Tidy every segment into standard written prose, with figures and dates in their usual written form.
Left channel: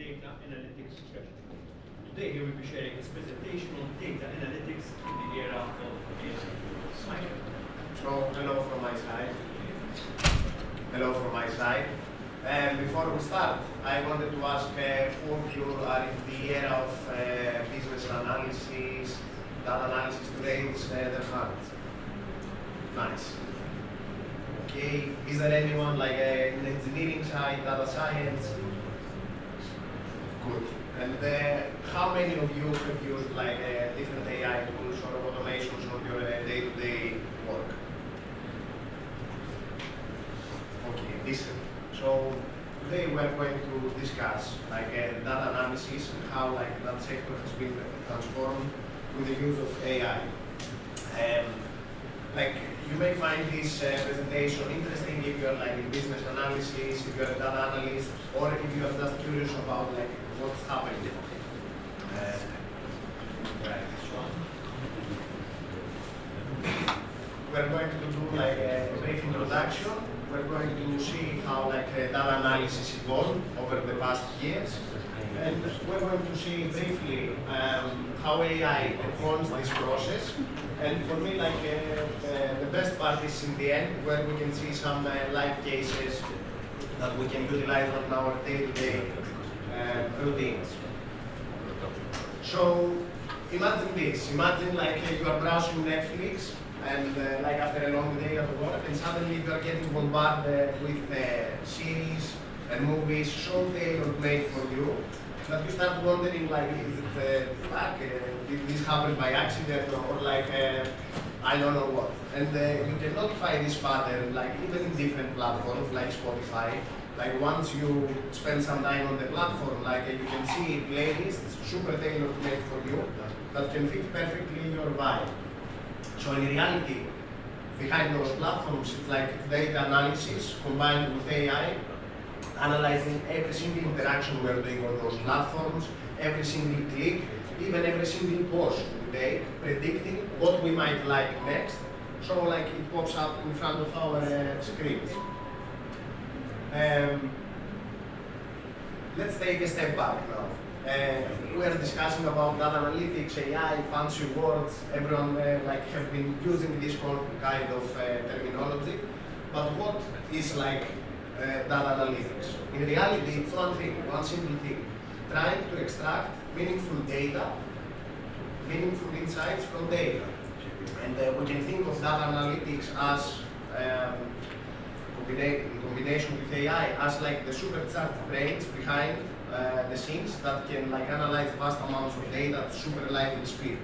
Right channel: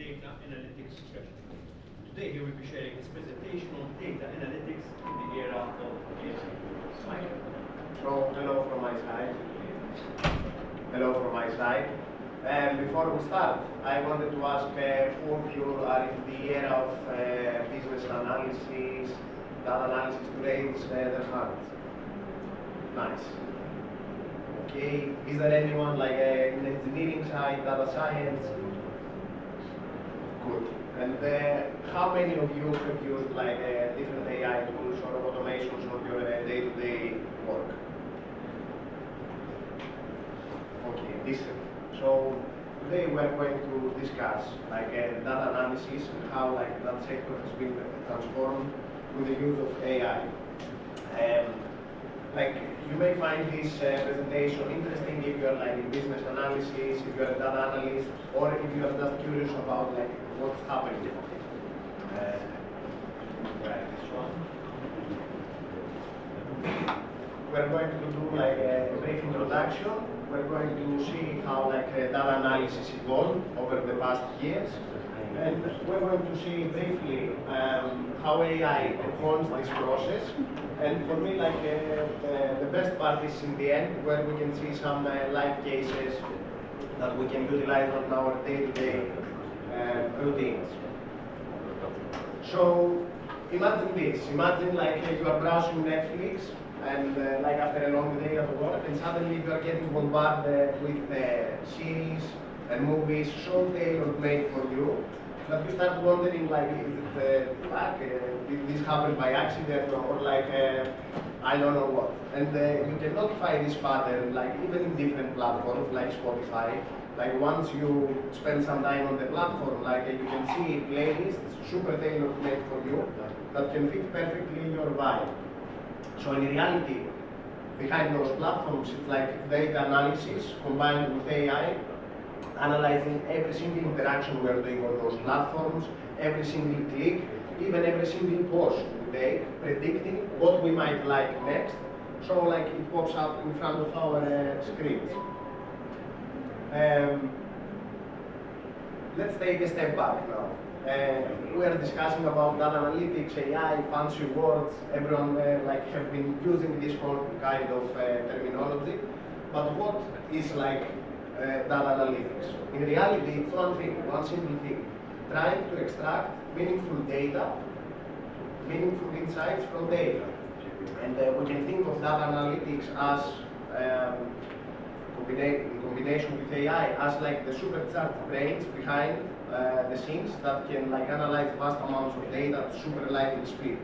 data analytics strategy. Today, he will be sharing his presentation on data analytics in the era of AI. Mike. So, hello from my side. Hello from my side. Before we start, I wanted to ask who of you are in the era of business analysis, data analysis to raise their hands. Nice. Okay, is there anyone like in engineering side, data science? Good. And how many of you have used like different AI tools or automations on your day-to-day work? Okay, decent. So today we are going to discuss like data analysis and how like that sector has been transformed with the use of AI. Like you may find this presentation interesting if you are like in business analysis, if you are a data analyst, or if you are just curious about like what's happening. Right, this one. We're going to do like a brief introduction. We're going to see how like data analysis evolved over the past years. And we're going to see briefly how AI enhances this process. And for me, like the best part is in the end, where we can see some live cases that we can utilize on our day-to-day routines. So imagine this. Imagine like you are browsing Netflix, and like after a long day at work, and suddenly you are getting bombarded with series and movies so tailor-made for you that you start wondering like, is it luck? Did this happen by accident or like I don't know what? And you can notify this pattern like even in different platforms like Spotify. Like once you spend some time on the platform, like you can see playlists super tailor-made for you that can fit perfectly your vibe. So in reality, behind those platforms, it's like data analysis combined with AI, analyzing every single interaction we're doing on those platforms, every single click, even every single post we take, predicting what we might like next. So like it pops up in front of our screens. Let's take a step back now. We are discussing about data analytics, AI, fancy words. Everyone like have been using this kind of terminology. But what is like data analytics? In reality, it's one thing, one simple thing: trying to extract meaningful data, meaningful insights from data. And we can think of data analytics as in combination with AI as like the supercharged brains behind the scenes that can like analyze vast amounts of data at super lightning speed.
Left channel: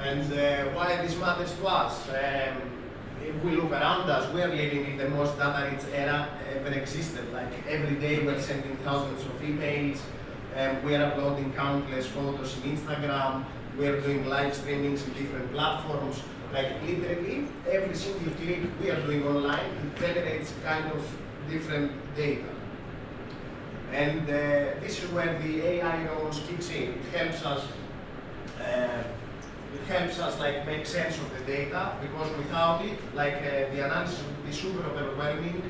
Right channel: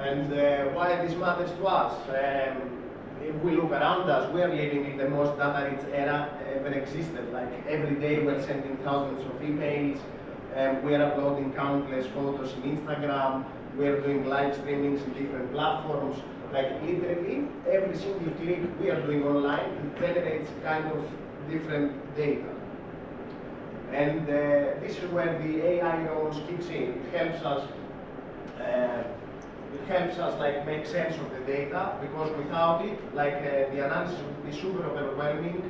And why this matters to us? If we look around us, we are living in the most data-rich era ever existed. Like every day we're sending thousands of emails, we are uploading countless photos in Instagram, we are doing live streamings in different platforms. Like literally every single click we are doing online, it generates kind of different data. And this is where the AI roles kicks in. It helps us like make sense of the data, because without it, like the analysis would be super overwhelming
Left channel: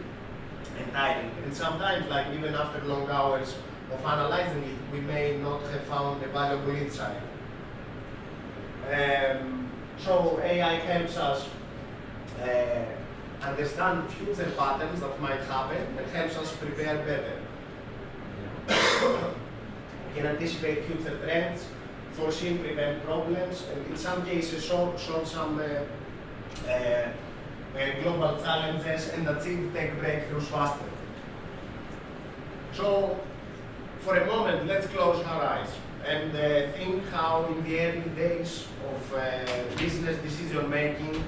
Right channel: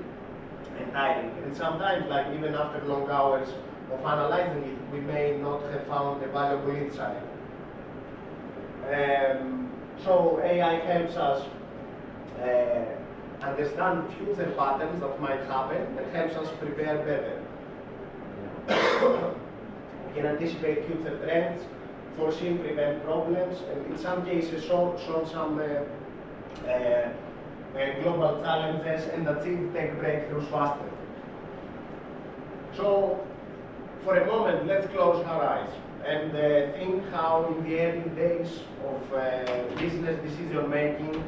and tiring. And sometimes, like even after long hours of analyzing it, we may not have found a valuable insight. So AI helps us understand future patterns that might happen and helps us prepare better. We can anticipate future trends, foresee and prevent problems, and in some cases solve some global challenges and achieve tech breakthroughs faster. So for a moment, let's close our eyes and think how in the early days of business decision making,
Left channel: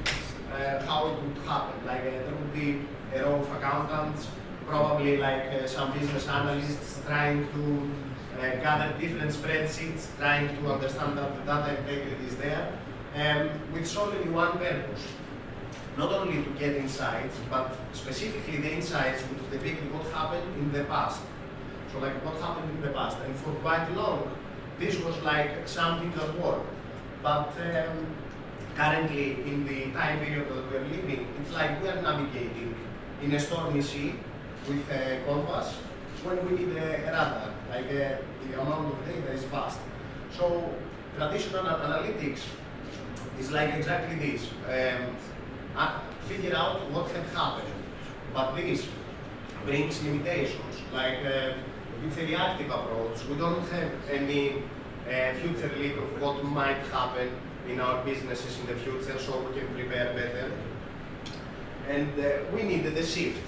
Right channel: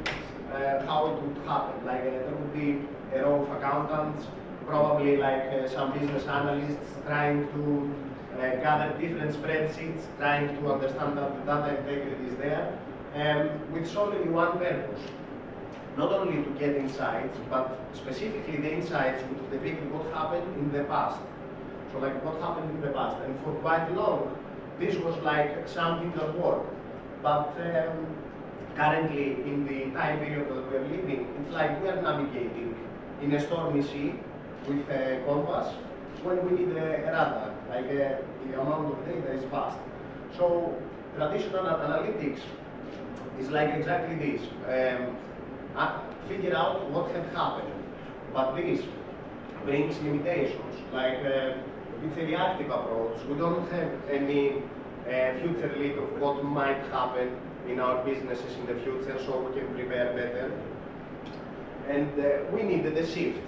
how it would happen. Like there would be a row of accountants, probably like some business analysts trying to gather different spreadsheets, trying to understand that the data integrity is there, with solely one purpose. Not only to get insights, but specifically the insights which depict what happened in the past. So like what happened in the past. And for quite long, this was like something that worked. But currently, in the time period that we are living, it's like we are navigating in a stormy sea with a compass, when we need a radar, like the amount of data is vast. So traditional analytics is like exactly this. Figure out what had happened. But this brings limitations. Like it's a reactive approach. We don't have any future lead of what might happen in our businesses in the future, so we can prepare better. And we needed a shift.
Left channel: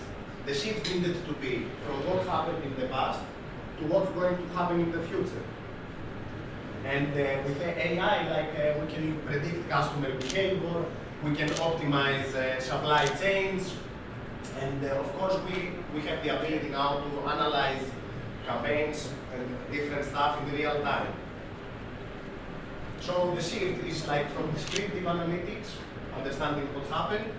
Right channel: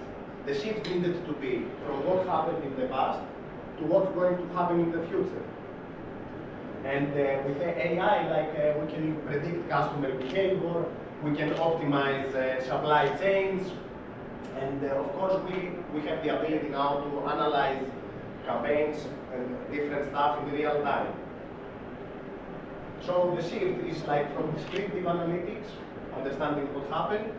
The shift needed to be from what happened in the past to what's going to happen in the future. And with AI, like we can predict customer behavior, we can optimize supply chains, and of course we have the ability now to analyze campaigns and different stuff in real time. So the shift is like from descriptive analytics, understanding what happened,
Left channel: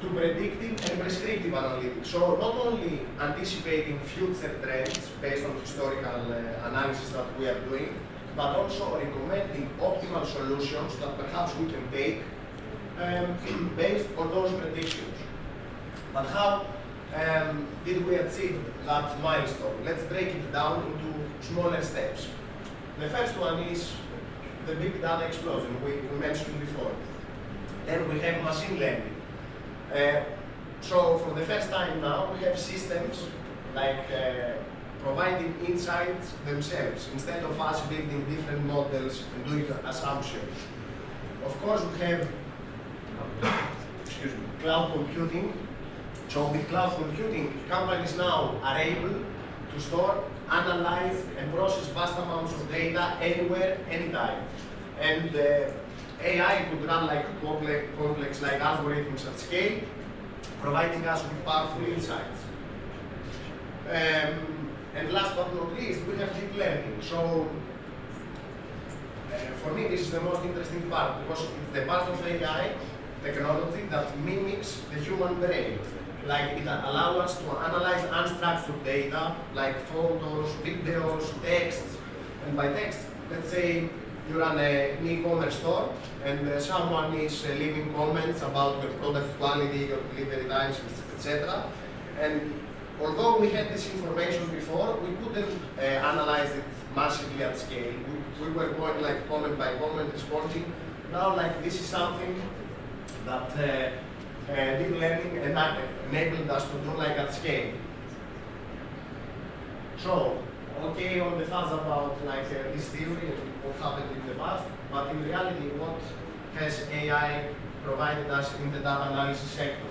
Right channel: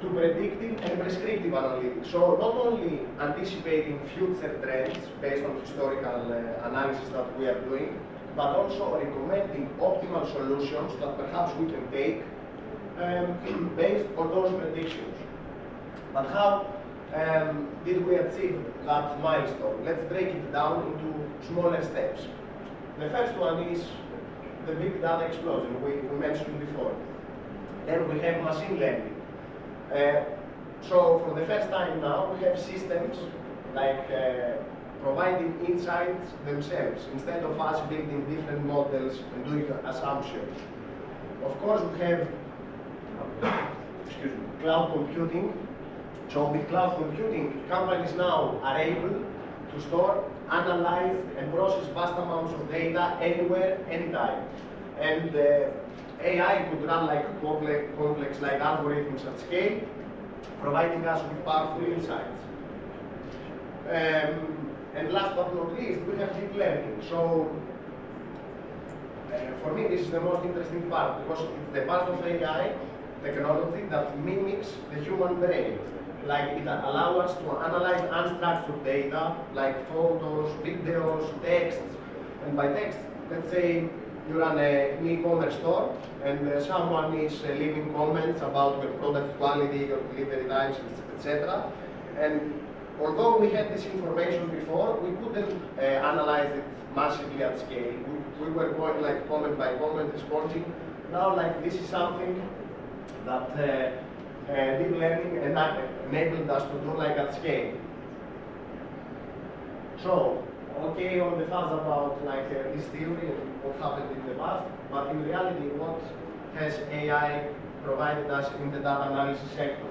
to predictive and prescriptive analytics. So not only anticipating future trends based on historical analysis that we are doing, but also recommending optimal solutions that perhaps we can take based on those predictions. But how did we achieve that milestone? Let's break it down into smaller steps. The first one is the big data explosion we mentioned before. Then we have machine learning. So for the first time now, we have systems like providing insights themselves instead of us building different models and doing assumptions. Of course, we have cloud computing. So with cloud computing, companies now are able to store, analyze, and process vast amounts of data anywhere, anytime. And AI could run like complex like algorithms at scale, providing us with powerful insights. And last but not least, we have deep learning. So for me, this is the most interesting part because it's the part of AI technology that mimics the human brain. Like it allows us to analyze unstructured data like photos, videos, texts. And by text, let's say you run an e-commerce store and someone is leaving comments about your product quality, your delivery times, etc. And although we had this information before, we couldn't analyze it massively at scale. We were going like comment by comment, responding. Now, like this is something that deep learning enabled us to do like at scale. So, okay, on the thoughts about like this theory and what happened in the past, but in reality, what has AI provided us in the data analysis sector?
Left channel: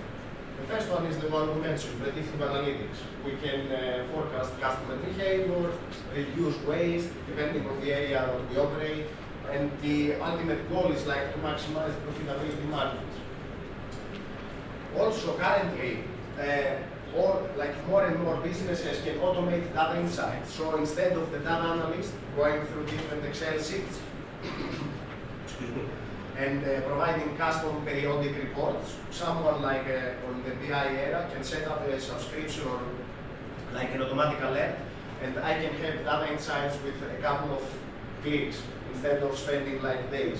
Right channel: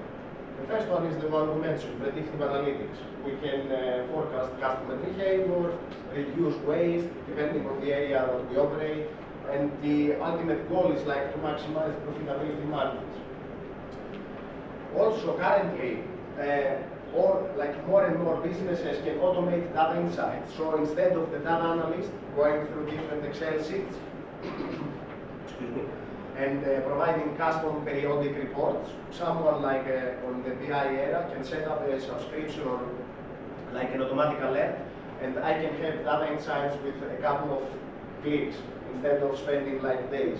The first one is the one we mentioned, predictive analytics. We can forecast customer behavior, reduce waste, depending on the area that we operate, and the ultimate goal is like to maximize profitability margins. Also, currently, more and more businesses can automate data insights. So instead of the data analyst going through different Excel sheets, and providing custom periodic reports, someone like on the BI era can set up a subscription or like an automatic alert, and I can have data insights with a couple of clicks instead of spending like days.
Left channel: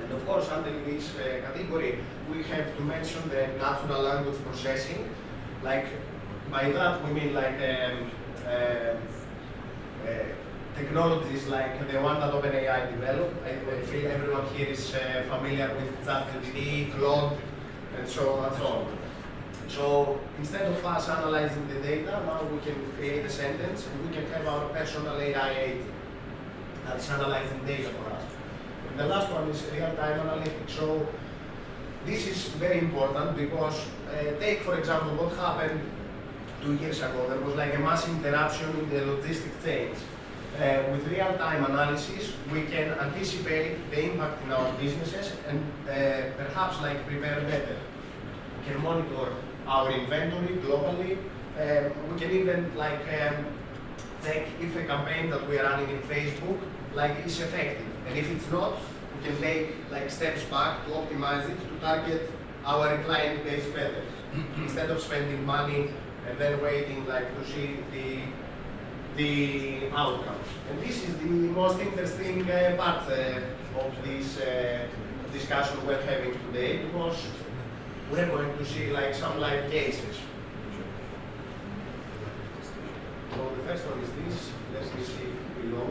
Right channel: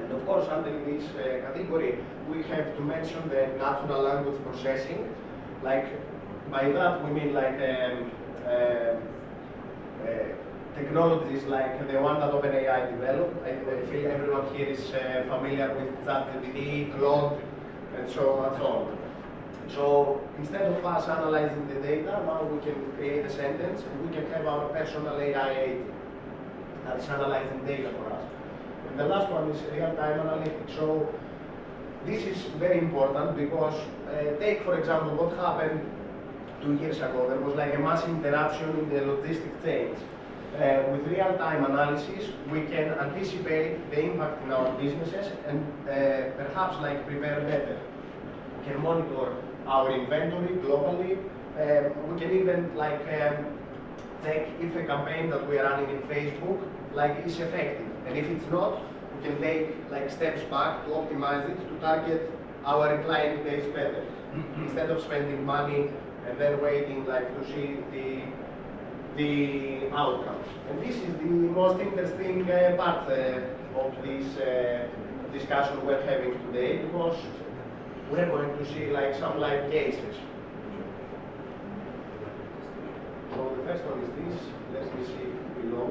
And of course, under this category, we have to mention the natural language processing. Like by that we mean like technologies like the one that OpenAI developed. I feel everyone here is familiar with ChatGPT, Claude, and so on. So instead of us analyzing the data, now we can create a sentence and we can have our personal AI agent that is analyzing data for us. And the last one is real-time analytics. So this is very important because take for example what happened 2 years ago. There was like a massive interruption in the logistic chains. With real-time analysis, we can anticipate the impact in our businesses and perhaps like prepare better. We can monitor our inventory globally. We can even like check if a campaign that we are running in Facebook like is effective, and if it's not, we can take like steps back to optimize it to target our client base better instead of spending money and then waiting like to see the outcomes. And this is the most interesting part of this discussion we're having today, because we're going to see like some live cases. first one is this. Let me see below.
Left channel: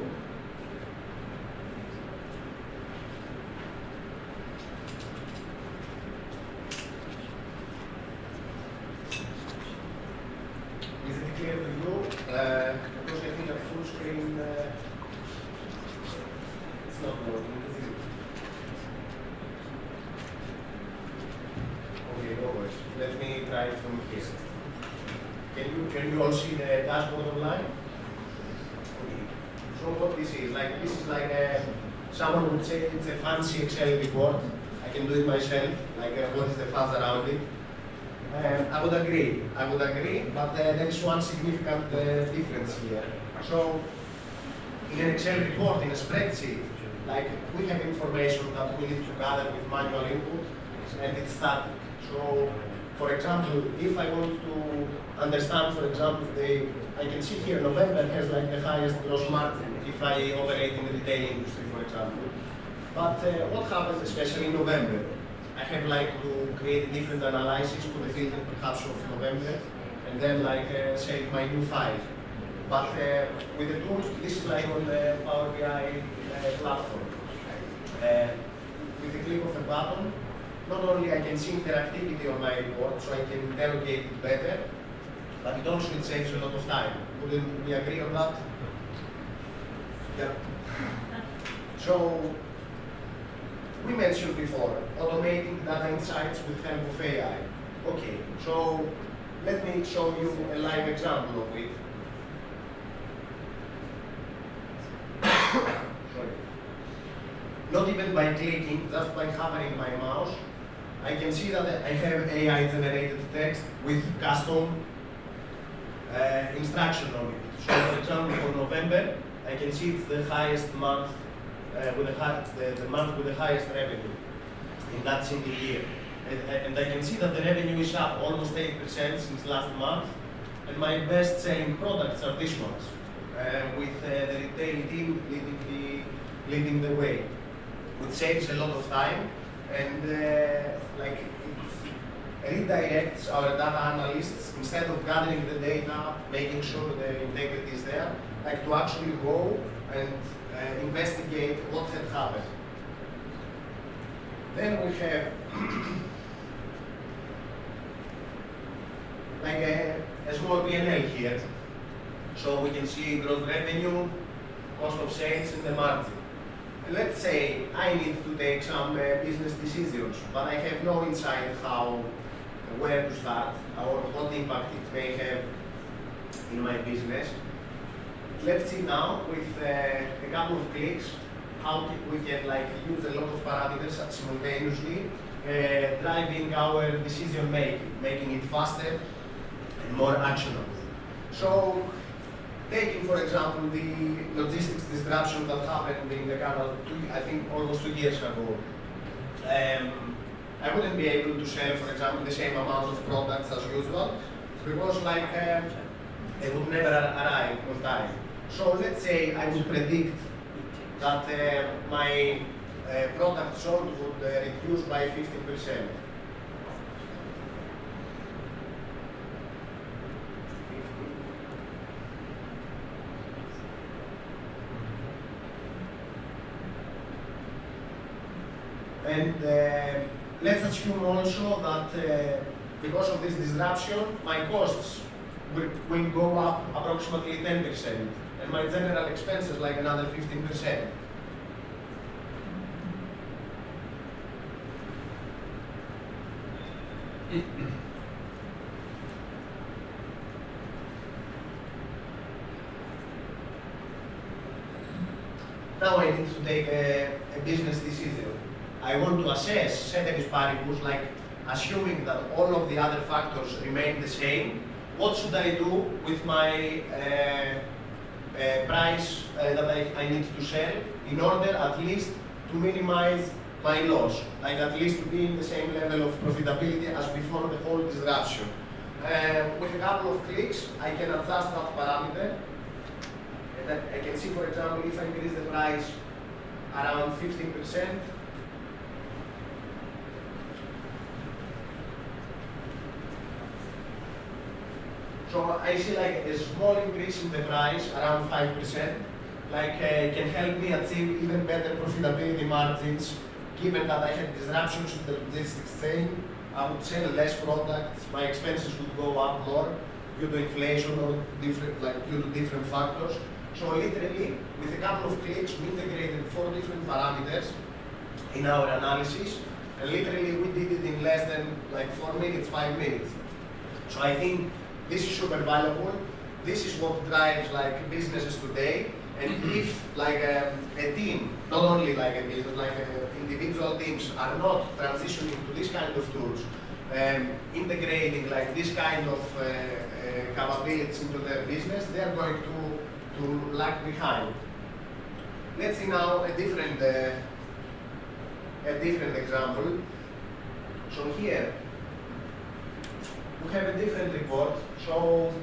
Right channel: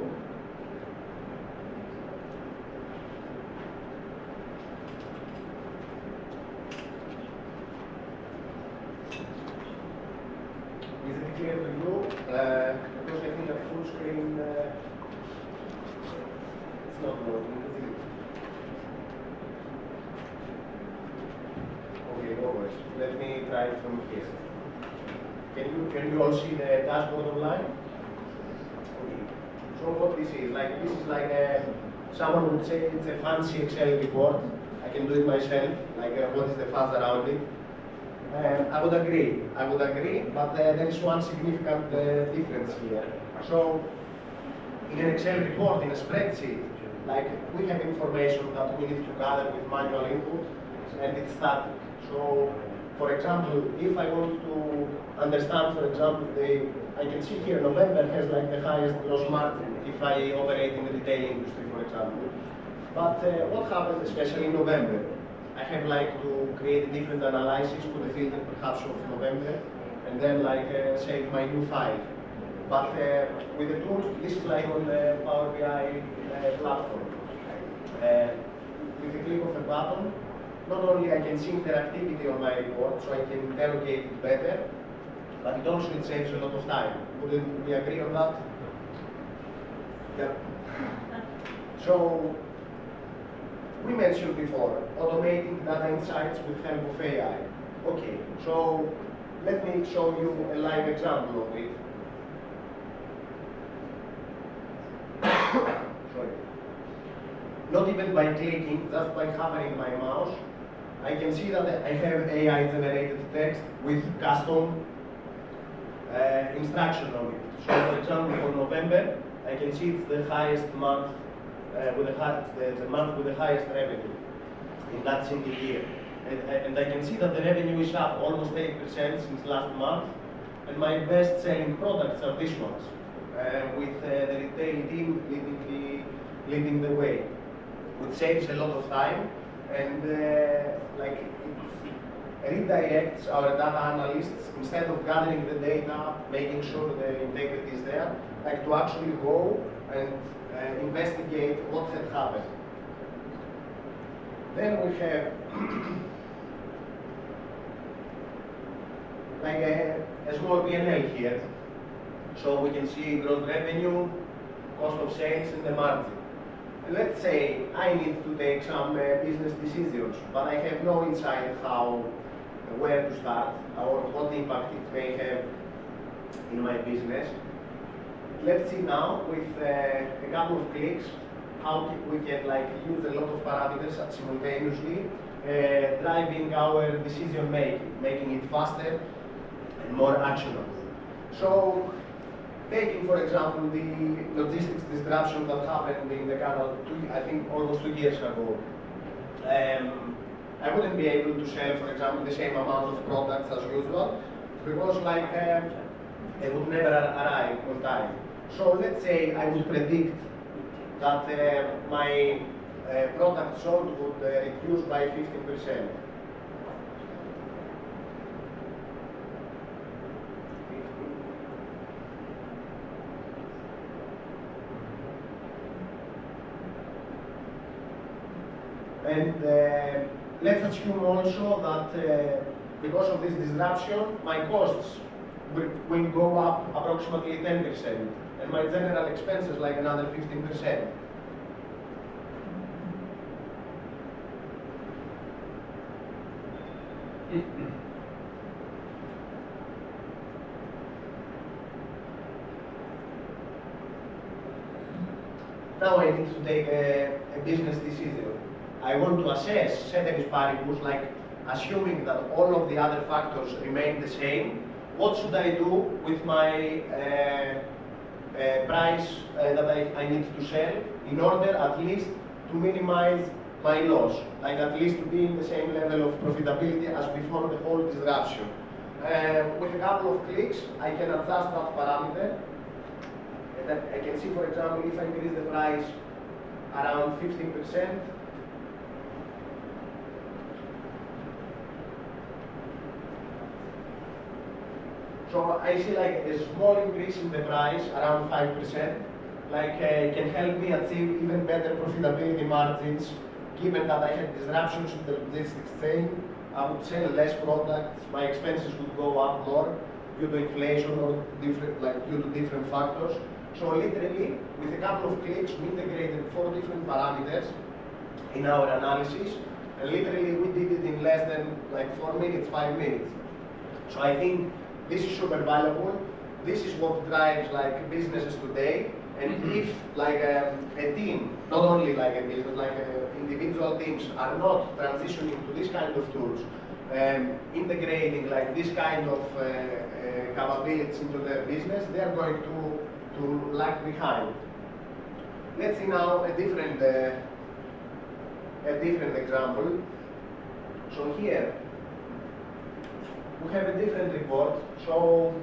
Is it clear to you? Because I think at full screen it's not working. Okay, no worries. Let me try it from here. Can you all see the dashboard online? Okay. So what this is like someone would say it's a fancy Excel report. I can do it myself. Like what is the fuzz around it? I would agree, but there is one significant difference here. So, in an Excel report, in a spreadsheet, like we have information that we need to gather with manual input, and it's static. So, for example, if I want to understand, for example, I can see here November has like the highest gross margin if I operate in the retail industry, for example. But what happens, especially in November? I have like to create a different analysis, put a filter perhaps of November, and then like save my new file. But with the tools, this is like on the Power BI platform. With the click of a button, not only I can see interactivity on my report, so I can interrogate it better, but it also saves a lot of time. Wouldn't we agree on that? Yeah. So, we mentioned before, automating data insights with help of AI. Okay, so let me show you a live example of it. Sorry. Not even by clicking, just by hovering my mouse, I can see that I have AI-generated text with custom instruction on it. So for example, for November, I can see it's the highest month with the month with the highest revenue in that single year. And I can see that the revenue is up almost 8% since last month, and my best-selling products are these ones, with the retail team leading the way, which saves a lot of time, and like it redirects our data analysts, instead of gathering the data, making sure the integrity is there, like to actually go and investigate what had happened. Then we have like a small P&L here. So we can see gross revenue, cost of sales, and the margin. And let's say I need to take some business decisions, but I have no insight where to start, or what impact it may have in my business. Let's see now with a couple of clicks how we can like use a lot of parameters simultaneously, driving our decision making it faster and more actionable. So, taking for example the logistics disruption that happened in the canal, I think almost 2 years ago. I wouldn't be able to sell, for example, the same amount of products as usual because like they would never arrive on time. So let's say I would predict that my product sold would reduce by 15%. And let's assume also that because of this disruption, my costs will go up approximately 10%. And my general expenses like another 15%. Now I need to take a business decision. I want to assess ceteris paribus, like assuming that all of the other factors remain the same. What should I do with my price that I need to sell in order at least to minimize my loss, like at least to be in the same level of profitability as before the whole disruption. With a couple of clicks, I can adjust that parameter. And I can see, for example, if I increase the price around 15%, So I see like a small increase in the price, around 5%, can help me achieve even better profitability margins, given that I had disruptions in the logistics chain. I would sell less products, my expenses would go up more due to inflation or due to different factors. So literally, with a couple of clicks, we integrated 4 different parameters in our analysis, and literally we did it in less than 4 minutes, 5 minutes. So I think this is super valuable. This is what drives businesses today. And if a team, not only a business, individual teams are not transitioning to this kind of tools, integrating this kind of capabilities into their business, they are going to lag behind. Let's see now a different example. So here we have a different report. So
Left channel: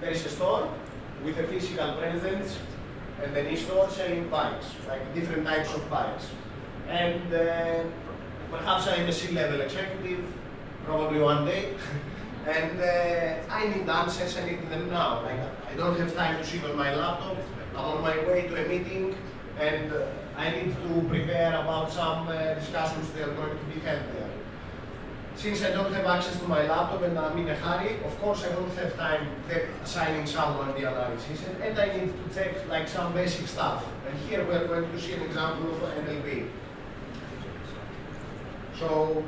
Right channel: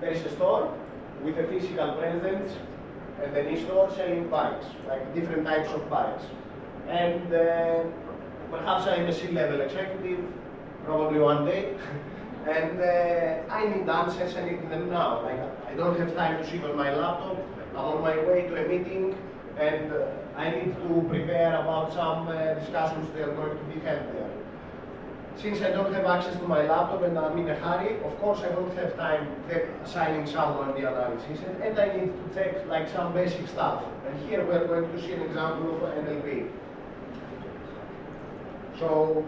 there is a store with a physical presence and an e-store selling bikes, different types of bikes. And perhaps I'm a C-level executive, probably one day, and I need answers, I need them now. I don't have time to sit on my laptop, I'm on my way to a meeting, and I need to prepare about some discussions that are going to be held there. Since I don't have access to my laptop and I'm in a hurry, of course I don't have time assigning someone the analysis, and I need to check some basic stuff. And here we're going to see an example of NLP. So,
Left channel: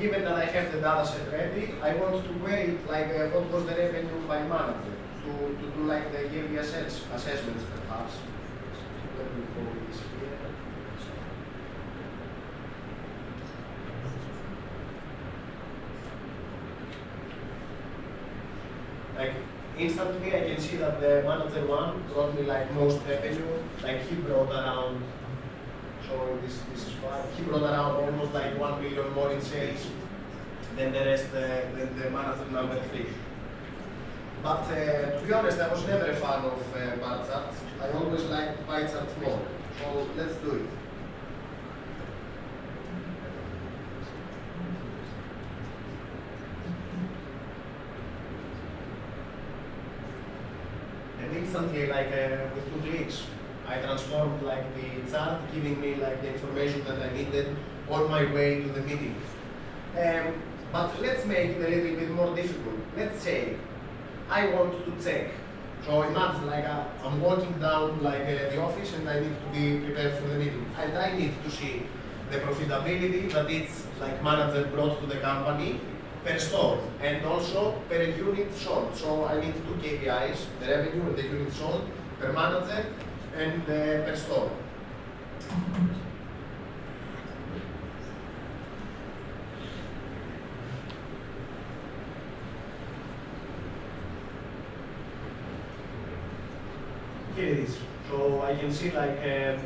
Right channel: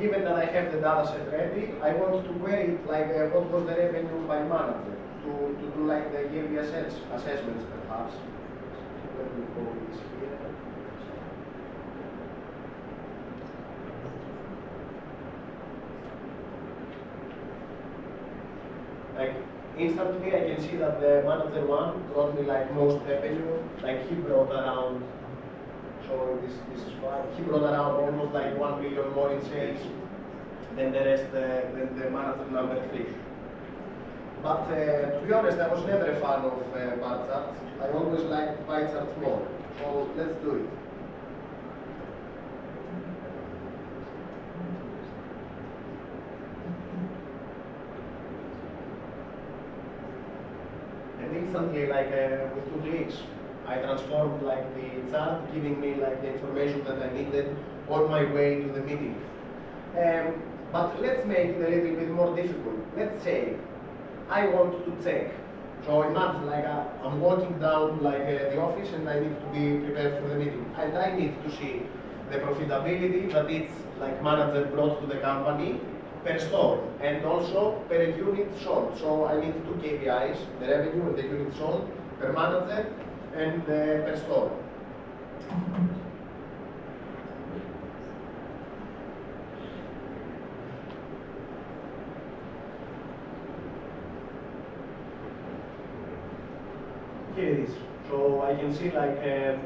given that I have the data set ready, I want to query what was the revenue by manager to do the yearly assessments perhaps. Let me go this here. Instantly I can see that the manager one brought me most revenue, he brought around, so this is fine, he brought around almost 1 million more in sales than the rest, than the manager number 3. But to be honest, I was never a fan of bar charts. I always liked pie charts more, so let's do it. And instantly, with 2 clicks, I transformed the chart, giving me the information that I needed on my way to the meeting. But let's make it a little bit more difficult. Let's say I want to check. So imagine I'm walking down the office and I need to be prepared for the meeting. And I need to see the profitability that each manager brought to the company per store, and also per unit sold. So I need 2 KPIs, the revenue and the unit sold per manager and per store. Here it is. So I can see the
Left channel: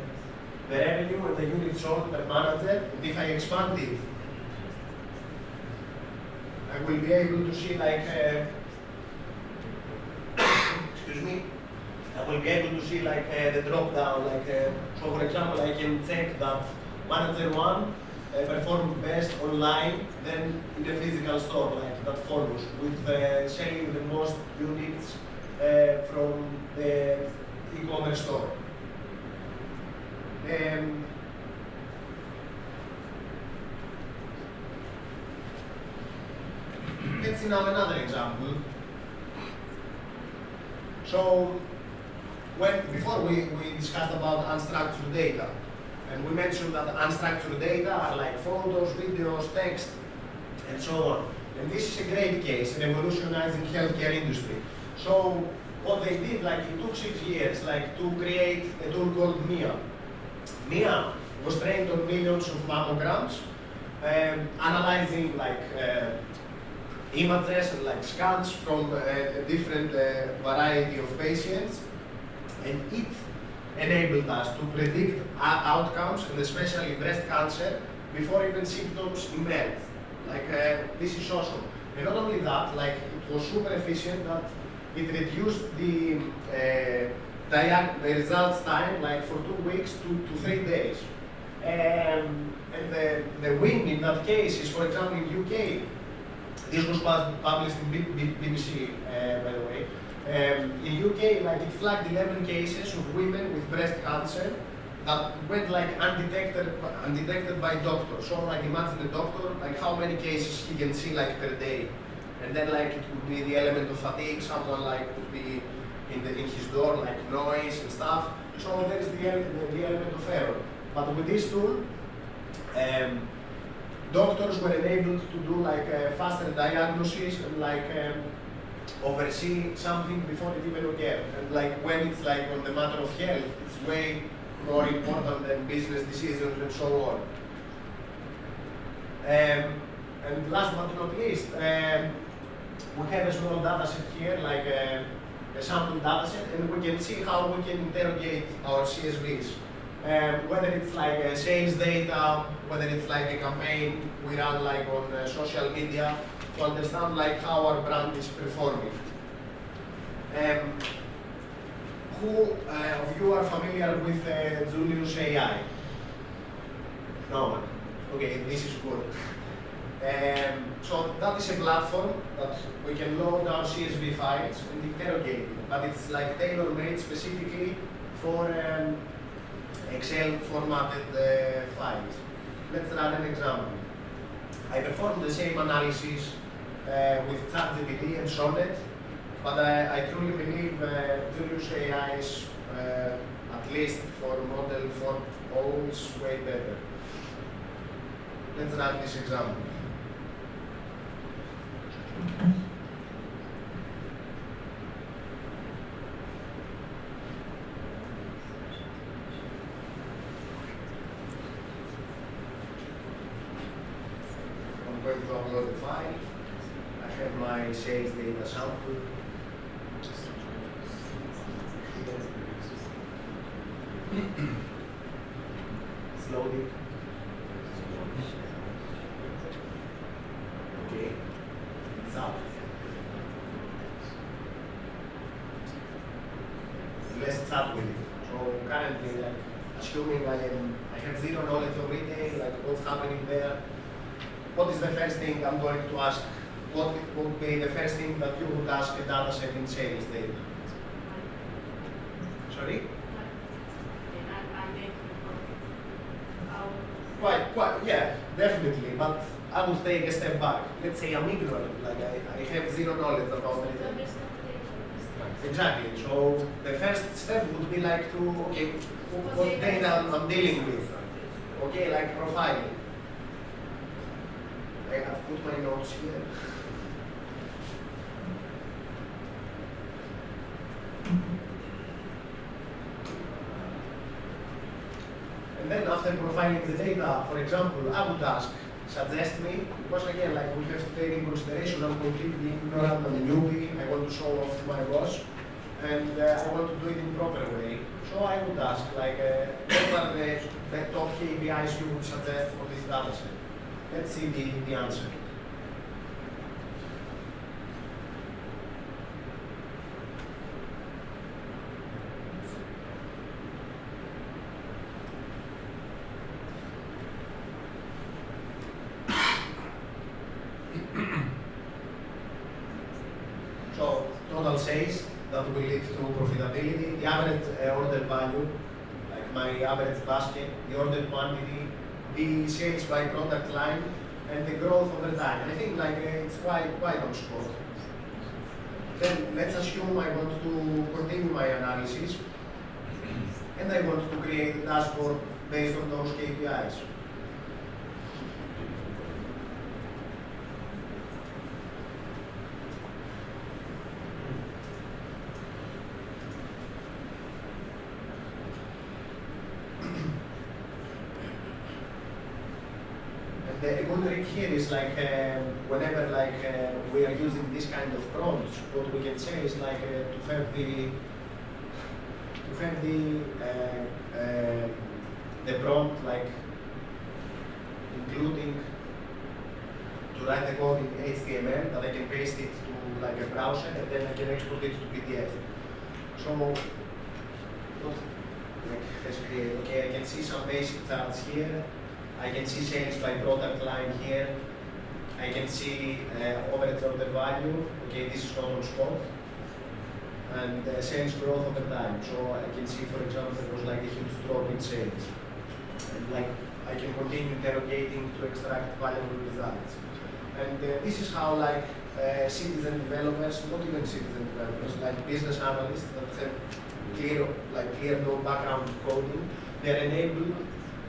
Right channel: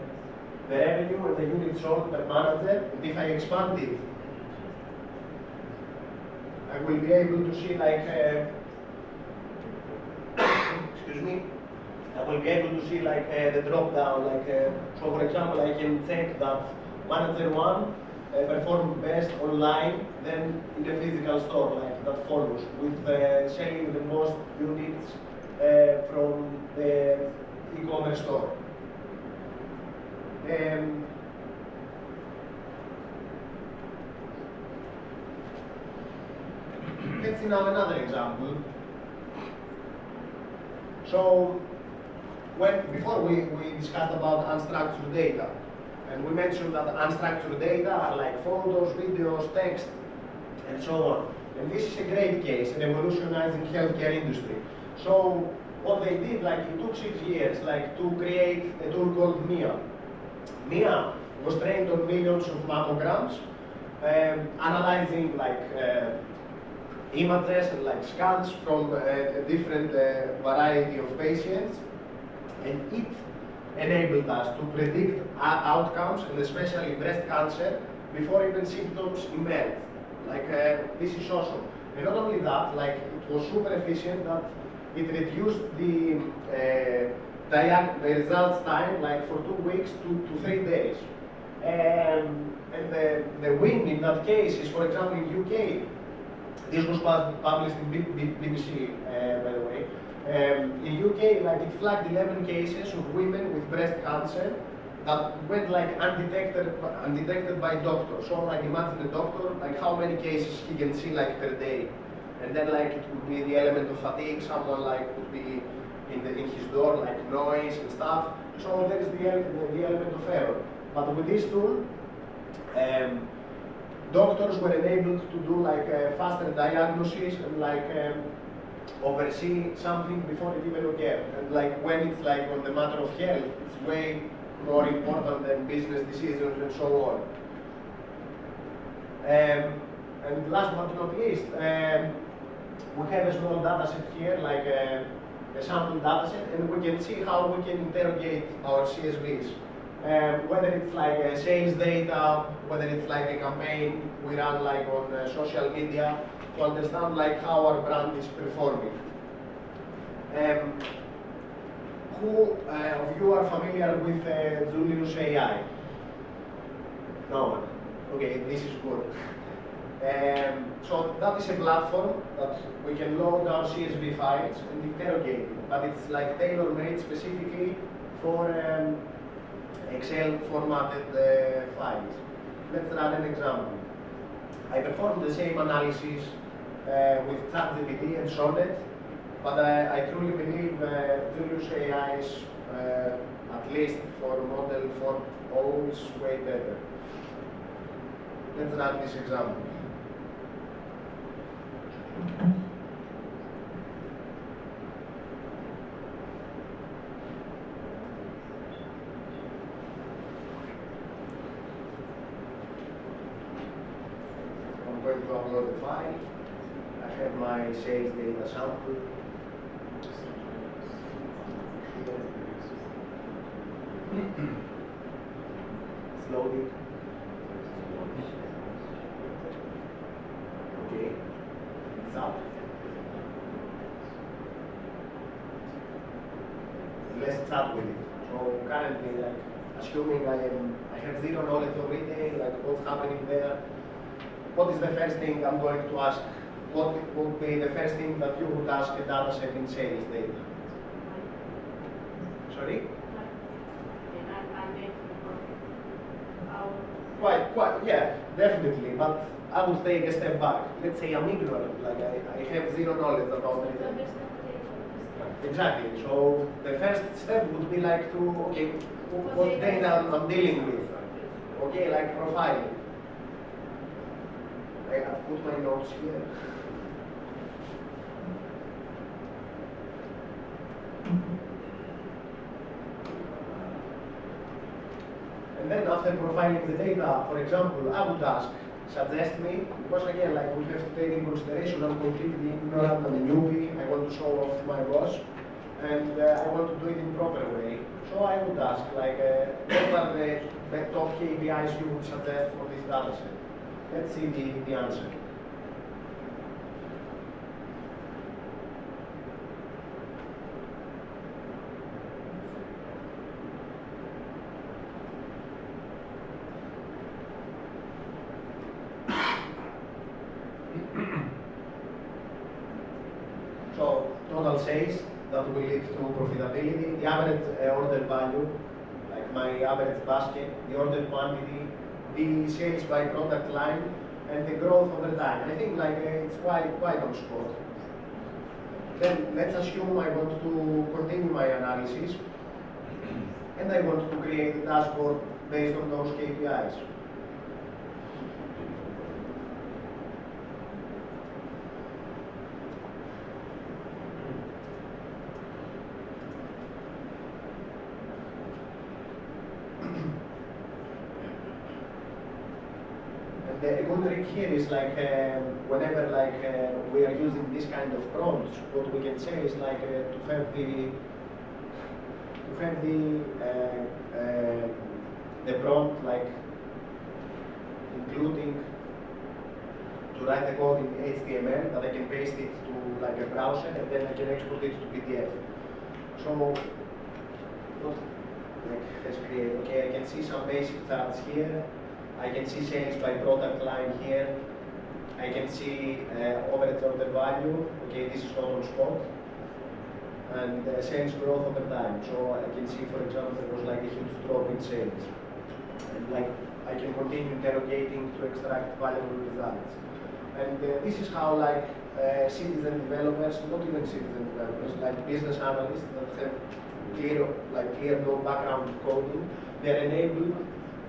revenue and the unit sold per manager, and if I expand it, I will be able to see excuse me, I will be able to see the drop down, so for example I can check that manager 1 performed best online than in the physical store, that follows, with selling the most units from the e-commerce store. Let's see now another example. So, before we discussed about unstructured data, and we mentioned that unstructured data are photos, videos, text, and so on. And this is a great case, revolutionizing healthcare industry. So, what they did, it took 6 years, to create a tool called MIA. MIA was trained on millions of mammograms, analyzing images and scans from a different variety of patients, and it enabled us to predict outcomes, and especially breast cancer, before even symptoms emerge. This is awesome. And not only that, it was super efficient that it reduced the results time for 2 weeks to 3 days. And the win in that case is, for example, in UK, This was published in BBC, by the way. In UK, like it flagged 11 cases of women with breast cancer that went like undetected by doctors. So like imagine a doctor, like how many cases he can see like per day. And then like it could be the element of fatigue, someone like would be in his door, like noise and stuff. So there is the element of error. But with this tool, doctors were enabled to do like a faster diagnosis and like oversee something before it even occurred. And like when it's like on the matter of health, it's way more important than business decisions and so on. And last but not least, we have a small data set here, like a sample data set, and we can see how we can interrogate our CSVs. Whether it's like sales data, whether it's like a campaign we run like on social media, to understand like how our brand is performing. Who of you are familiar with Julius AI? No one. Okay, this is good. So that is a platform that we can load our CSV files and interrogate it, but it's like tailor-made specifically for Excel formatted files. Let's run an example. I performed the same analysis with ChatGPT and Sonnet, but I truly believe Julius AI is, at least for model 4.0, is way better. Let's run this example. I'm going to upload the file. I have my sales data sample. It's loading. Okay, it's up. Let's start with it. So currently, like, assuming I have zero knowledge of retail, like what's happening there, what is the first thing I'm going to ask? What would be the first thing that you would ask a data set in sales data? Sorry? Quite, yeah, definitely. But I would take a step back. Let's say I'm ignorant, like I have zero knowledge about retail. Exactly. So the first step would be like to, okay, what data I'm dealing with. Okay, like profiling. I've put my notes here. And then after profiling the data, for example, I would ask, suggest me, because again, like we have to take in consideration, I'm completely ignorant, I'm a newbie, I want to show off to my boss, and I want to do it in proper way. So I would ask, like, what are the top KPIs you would suggest for this data set? Let's see the answer. So total sales that will lead to profitability, the average order value, like my average basket, the order quantity, the sales by product line, and the growth over time. And I think like it's quite on spot. Then let's assume I want to continue my analysis, and I want to create a dashboard based on those KPIs. The good trick here is like whenever like we are using this kind of prompts, what we can say is like to have the prompt like including to write the code in HTML that I can paste it to like a browser and then I can export it to PDF. So let's create. Okay, I can see some basic charts here. I can see sales by product line here. I can see average order value. Okay, this is not on spot. And sales growth over time. So I can see, for example, there was like a huge drop in sales. And like I can continue interrogating to extract valuable results. And this is how like citizen developers, not even citizen developers, like business analysts that have clear no background in coding, they're enabled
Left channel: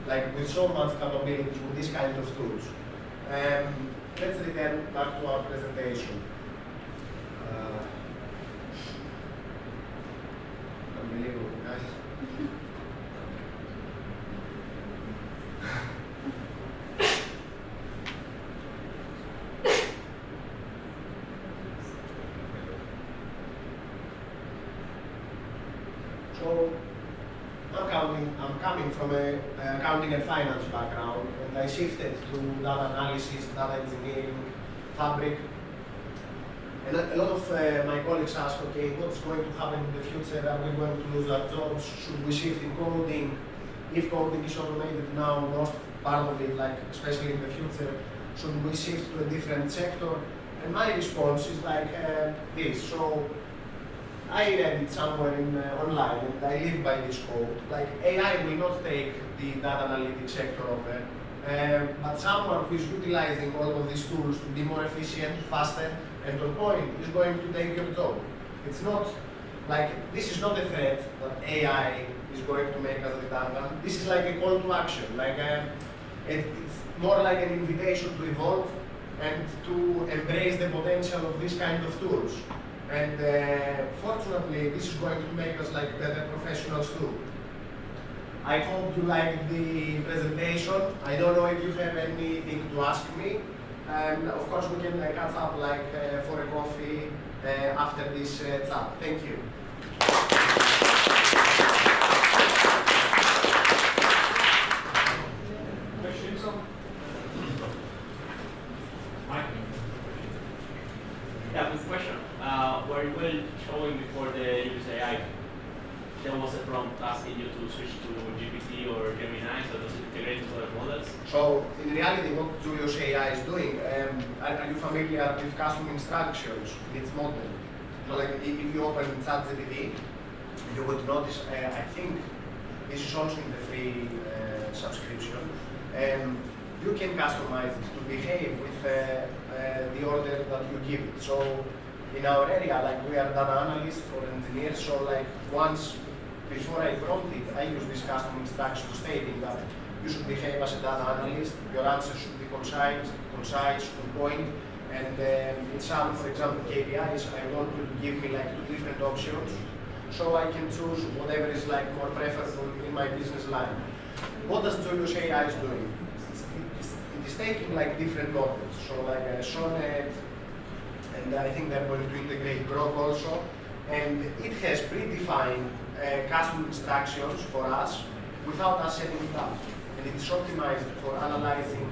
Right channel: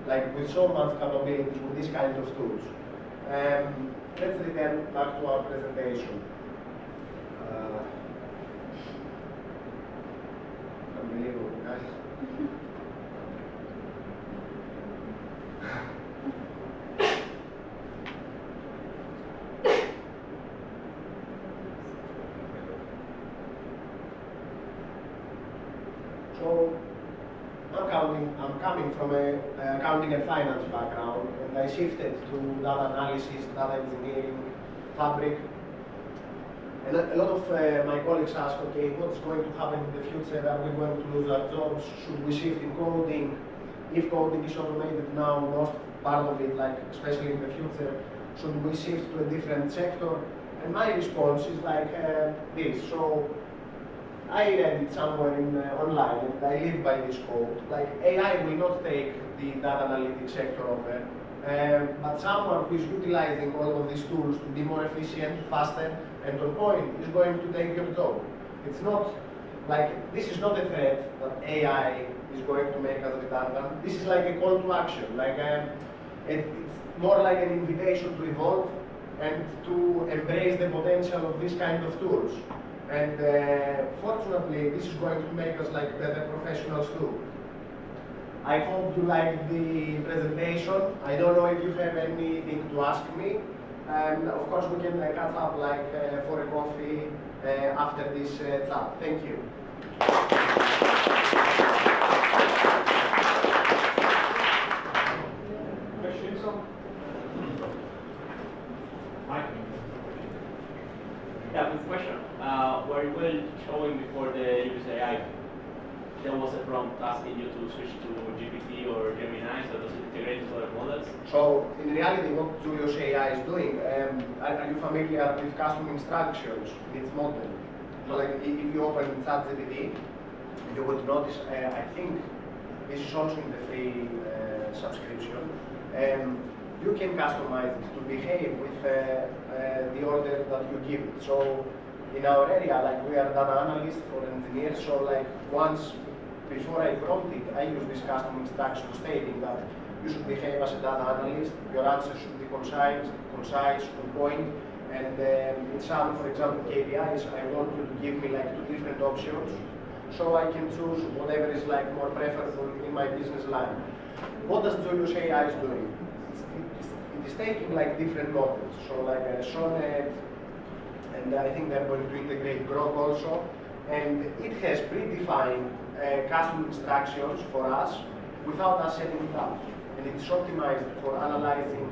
like with so much capabilities with this kind of tools. Let's return back to our presentation. Unbelievable, guys. So, I'm coming from a accounting and finance background, and I shifted to data analysis, data engineering, fabric. And a lot of my colleagues ask, okay, what's going to happen in the future? Are we going to lose our jobs? Should we shift in coding? If coding is automated now, most part of it, like especially in the future, should we shift to a different sector? And my response is like this. So I read it somewhere online, and I live by this quote. Like AI will not take the data analytics sector over, but someone who is utilizing all of these tools to be more efficient, faster, and on point is going to take your job. It's not like, this is not a threat that AI is going to make us redundant. This is like a call to action. Like it's more like an invitation to evolve and to embrace the potential of this kind of tools. And fortunately, this is going to make us like better professionals too. I hope you liked the presentation. I don't know if you have anything to ask me. And of course, we can catch up like for a coffee after this chat. Thank you. Questions? Mike? Yeah, good question. Where you were showing before the use AI, there was a prompt asking you to switch to GPT or Gemini, so does it integrate with other models? So, in reality, what Julius AI is doing, are you familiar with custom instructions in its model? So, like, if you open ChatGPT, you would notice, I think, this is also in the free subscription, you can customize it to behave with the order that you give it. So, in our area, like, we are data analysts or engineers, so like, once before I prompt it, I use this custom instruction stating that you should behave as a data analyst, your answer should be concise, on point, and in some, for example, KPIs, I want you to give me like 2 different options, so I can choose whatever is like more preferable in my business line. What does Julius AI is doing? It is taking like different models, so like Sonnet, and I think they're going to integrate Grok also, and it has predefined custom instructions for us without us setting it up. And it is optimized for analyzing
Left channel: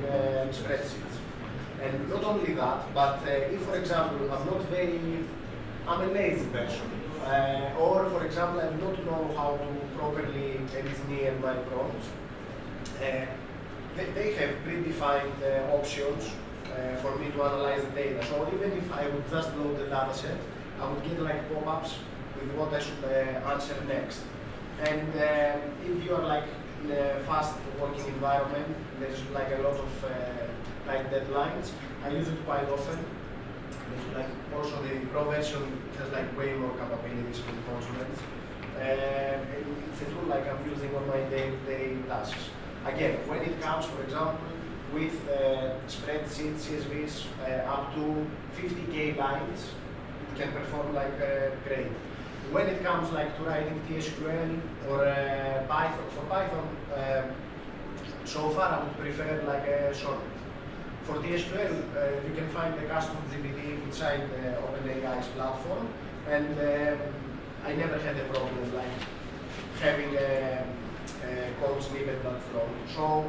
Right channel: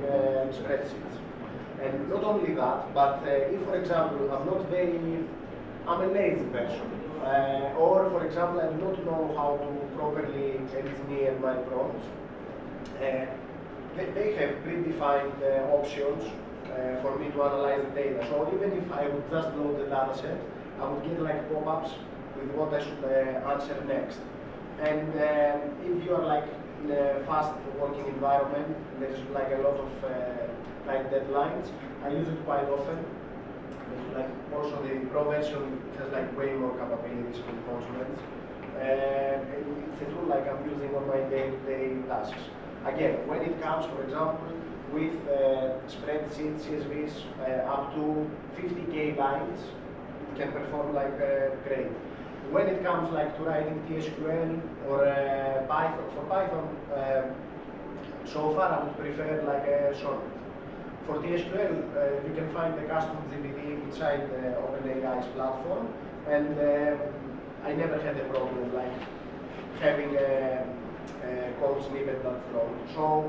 spreadsheets. And not only that, but if, for example, I'm a lazy person, or, for example, I do not know how to properly engineer my prompts, they have predefined options for me to analyze the data. So even if I would just load the data set, I would get like pop-ups with what I should answer next. And if you are like in a fast working environment, there's like a lot of tight deadlines. I use it quite often. Like also the Pro version has like way more capabilities with consonants. It's a tool like I'm using on my day-to-day tasks. Again, when it comes, for example, with spreadsheet CSVs up to 50K lines, it can perform like great. When it comes like to writing TSQL or Python, for Python, so far I would prefer like a Sonnet. For TSQL, you can find the custom GPT inside OpenAI's platform, and I never had a problem like having a code snippet that's wrong. So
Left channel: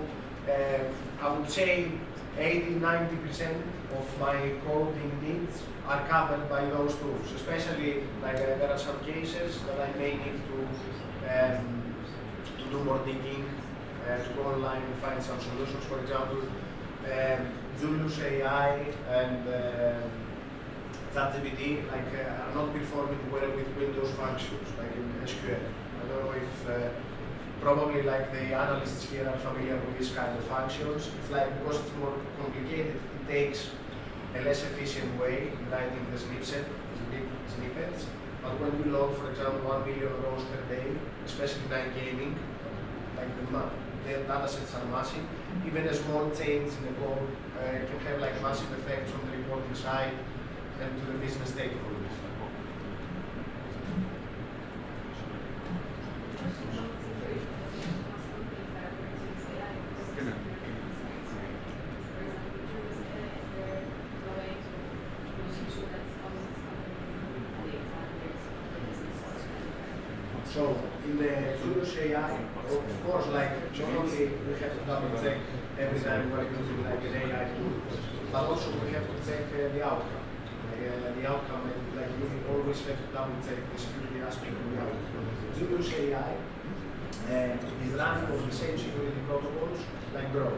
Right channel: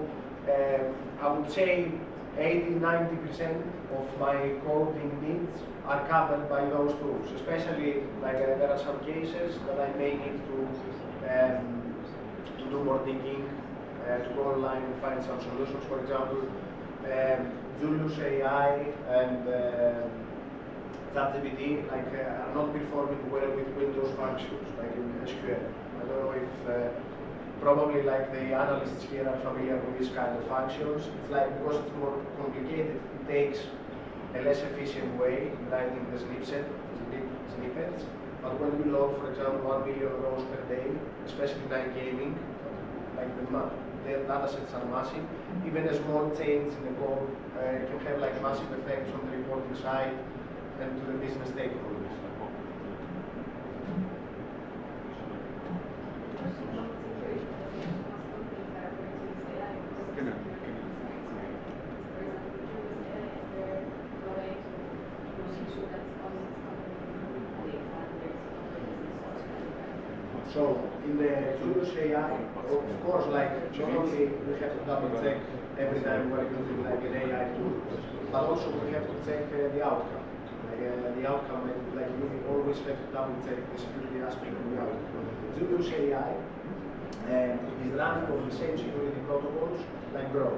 I would say 80–90% of my coding needs are covered by those tools, especially like there are some cases that I may need to do more digging, to go online and find some solutions. For example, Julius Julius AI and ChatGPT are not performing well with Windows functions, like in SQL. I don't know if probably like the analysts here are familiar with these kind of functions. It's like because it's more complicated, it takes a less efficient way in writing the snippets. But when we load, for example, 1 million rows per day, especially night gaming, like the data sets are massive. Even a small change in the code can have like massive effects on the reporting side and to the business stakeholders. So in the Julius AI, of course, like not only we have to double check every time we're using like an AI tool, but also we have to check the outcome. The outcome, like you always have to double check the security aspect of the outcome. Julius AI is running on the same security protocols like Grok.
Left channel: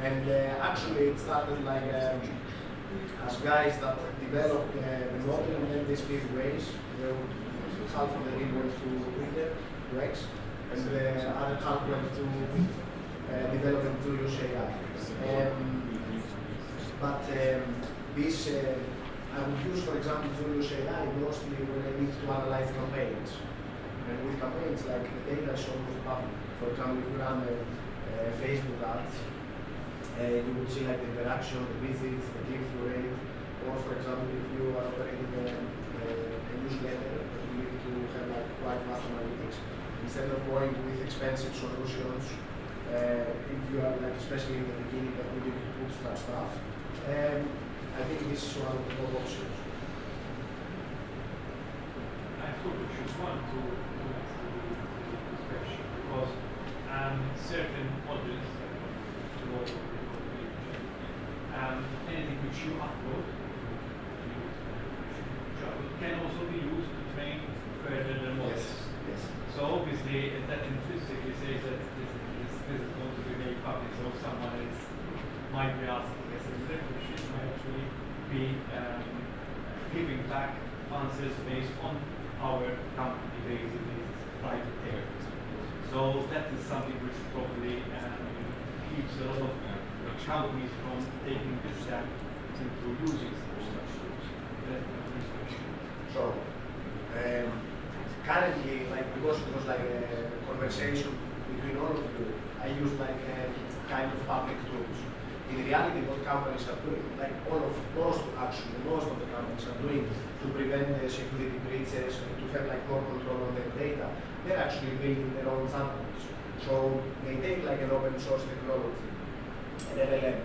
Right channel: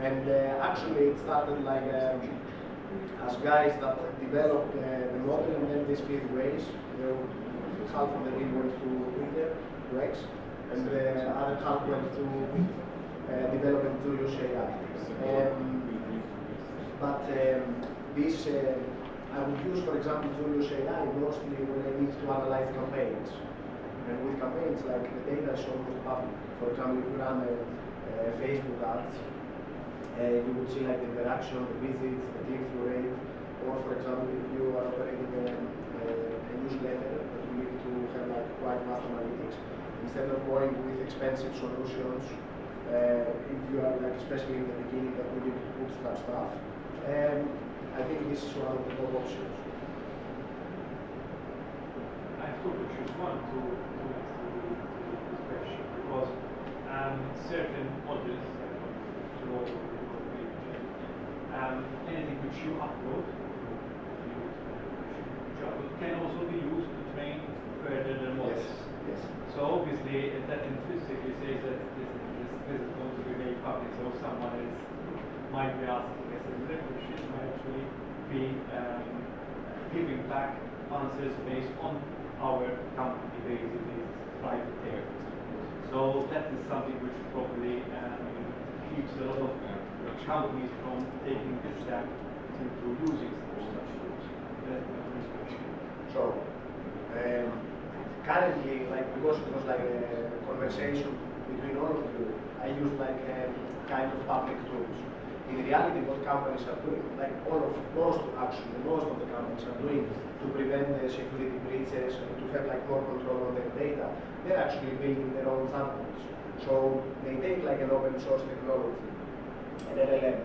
And actually it started like as guys that developed the model and then they split ways. Half of the team went to Twitter, to X, and the other half went to developing Julius AI. This, I would use, for example, Julius AI mostly when I need to analyze campaigns. And with campaigns, like the data is almost public. For example, if you run Facebook ads, you would see like the interaction, the visits, the click-through rate, or for example, if you are operating a newsletter, you need to have like quite vast analytics. Instead of going with expensive solutions, if you are like, especially in the beginning, that we need to bootstrap stuff, I think this is one of the top options. I have two questions. One to this question, because certain models, anything which you upload can also be used to train further the models. Yes. So obviously that intrinsically says that this is going to be very public. So someone else might be asking a similar question, might actually be giving back answers based on our company, basically private areas. So that is something which probably keeps a lot of companies from taking this step into using such tools. That's my first question. So, currently, like because it was like a conversation between all of you, I use like kind of public tools. In reality, what companies are doing, like most of the companies are doing to prevent security breaches and to have like more control on their data, they're actually building their own chatbots. So they take like an open source technology, an LLM,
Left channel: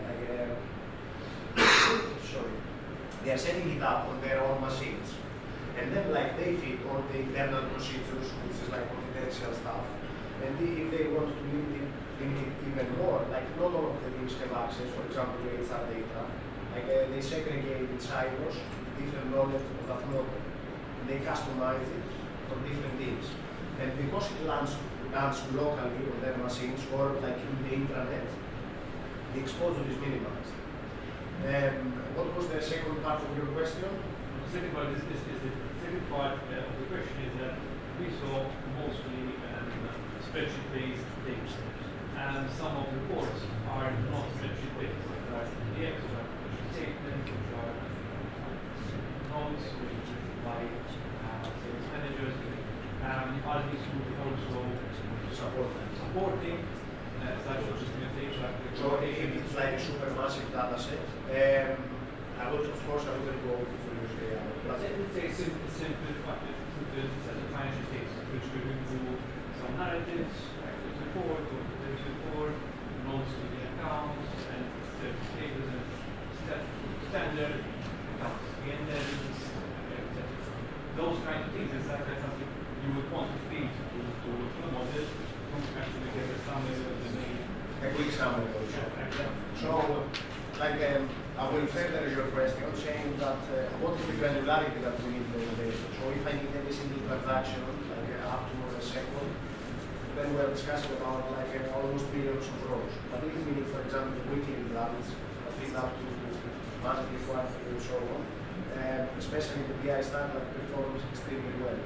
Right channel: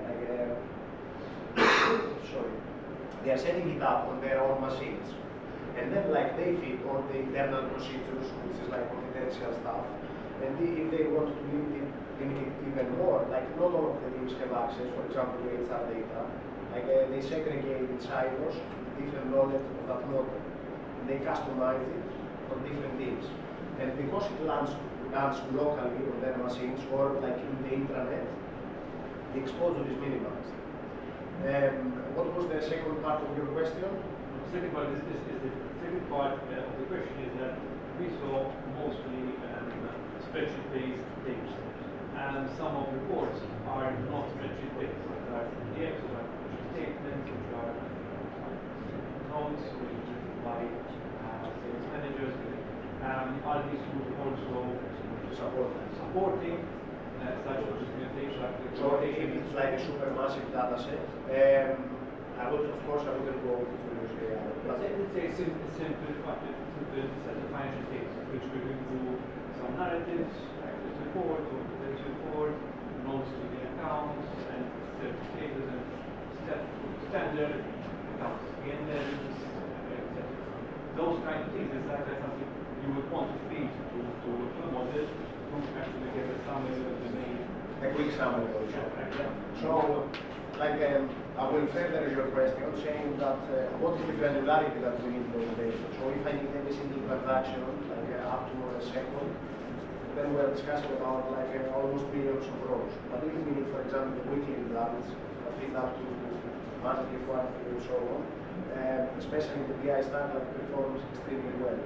they are setting it up on their own machines. And then like they feed all the internal procedures, which is like confidential stuff. And if they want to limit it even more, like not all of the teams have access, for example, to HR data, like they segregate in silos different knowledge of that model. And they customize it for different teams. And because it runs locally on their machines or like in the intranet, the exposure is minimized. What was the second part of your question? The second part of the question is that we saw mostly spreadsheet-based data, and some of the reports are not spreadsheet-based. There are PDFs, there are statements, which are notes, which are written by sales managers. Are these tools also supporting such documentation? So if it's like a super massive data set, I wouldn't go to Julius AI. Let's say simple set of financial statements, which we will do some narratives, like this report or this report, notes to the accounts, and certain status and standard accounts, etc. Those kind of things, is that something you would want to feed to the model to actually get a summary of the main. A quick summary also. So, like, I will further your question saying that what is the granularity that we need for the data. So if I need every single transaction, like up to a second, then we're discussing about like almost billions of rows. But if we need, for example, weekly results that fit up to monthly, quarterly, and so on. Especially the BI stack that performs extremely well.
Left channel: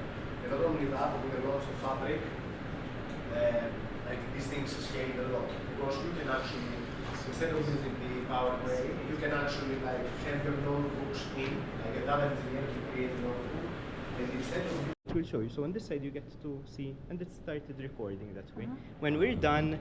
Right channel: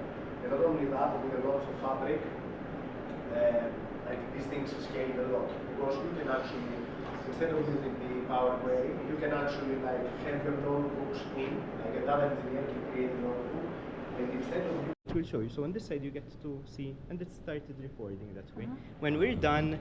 And not only that, with the launch of Fabric, like these things scale a lot because you can actually, instead of using the Power Query, you can actually like have your notebooks in, like a data engineer can create a notebook, and instead of It will show you. So on this side you get to see, and it started recording that way. When we're done,